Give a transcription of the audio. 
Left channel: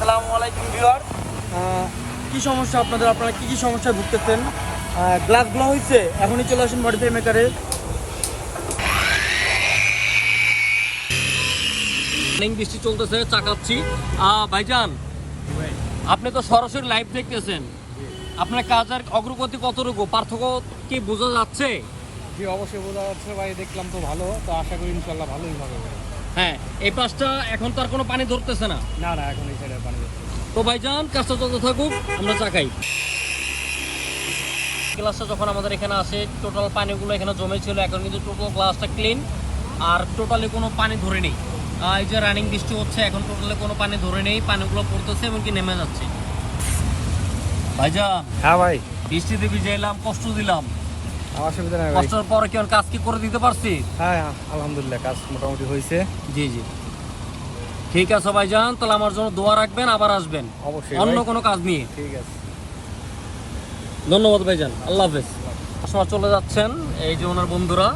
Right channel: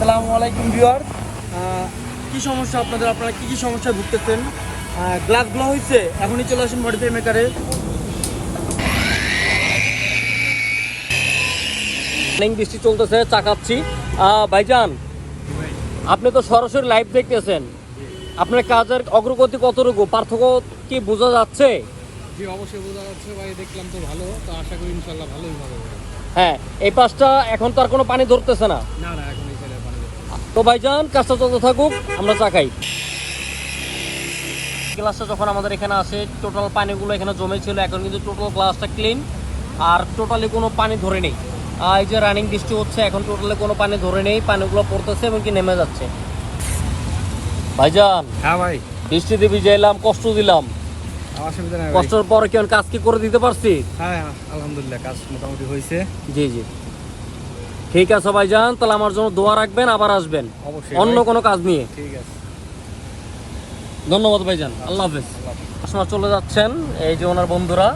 আসসালামু আলাইকুম ভিউয়ার। কি সমস্যা আপনারা কি সমস্যায় ভুগতেছেন? গ্লাসগুলো হয়েছে, এখনই চলে আসেন মডিফাই মেকারে। বৃষ্টি চলতেছে, চাকাচ্ছি। ভাইজান, আপনি তো সরাসরি লাইভ দেখতেছেন, আপনার কাজের অগ্রগতি কতটুকু, পার্থক্য কি বোঝা যাচ্ছে? জি, অবশ্যই বোঝা যাচ্ছে ভাই, দেখলাম তো ভালো, তো আশা করি ইনশাল্লাহ ভালোই হবে। হ্যাঁ, এই পাশটা এখন তো আর কোনো পানি ধরতেছে না। না না, এখন এই সাইডে পানি যাচ্ছে। তো ভাইজান, কাজটা চলতে থাকুক, আমরা চাকাই। গ্লাসটা যখন আমাদের এখানে আসে, টোটাল পানিগুলো এখানে জমে ছিল, এখন কিন্তু টোটাল গ্লাসটা ক্লিন, আর টোটালি কোনো পানি ধরে নেই। আর এই যে রানিং বৃষ্টি হচ্ছে, এখন টোটালি কোনো পানি ধরে নেই, পানিগুলো পড়তেছে এবং কি নেমে যাচ্ছে। ভাইজান, হ্যাঁ ভাই, বৃষ্টিতে ভিজে এলাম, কষ্ট দিলাম, অসুবিধা নাই ভাই। কষ্টের পরে কি কাজ কি করে দিতে পারছি? হ্যাঁ হ্যাঁ, আলহামদুলিল্লাহ কাজ মোটামুটি হয়েছে। জি জি, ঠিক আছে ভাইজান, তাহলে আমার জন্য দোয়া রাখবেন, আবার আসবেন অবশ্যই অন্য ভাই। কোনো কাজ নিয়ে। ঠিক আছে, ধন্যবাদ ভাইজান, আল্লাহ হাফেজ। সময় চলে যাচ্ছেন, এই যে ওনার বন্ধুরা।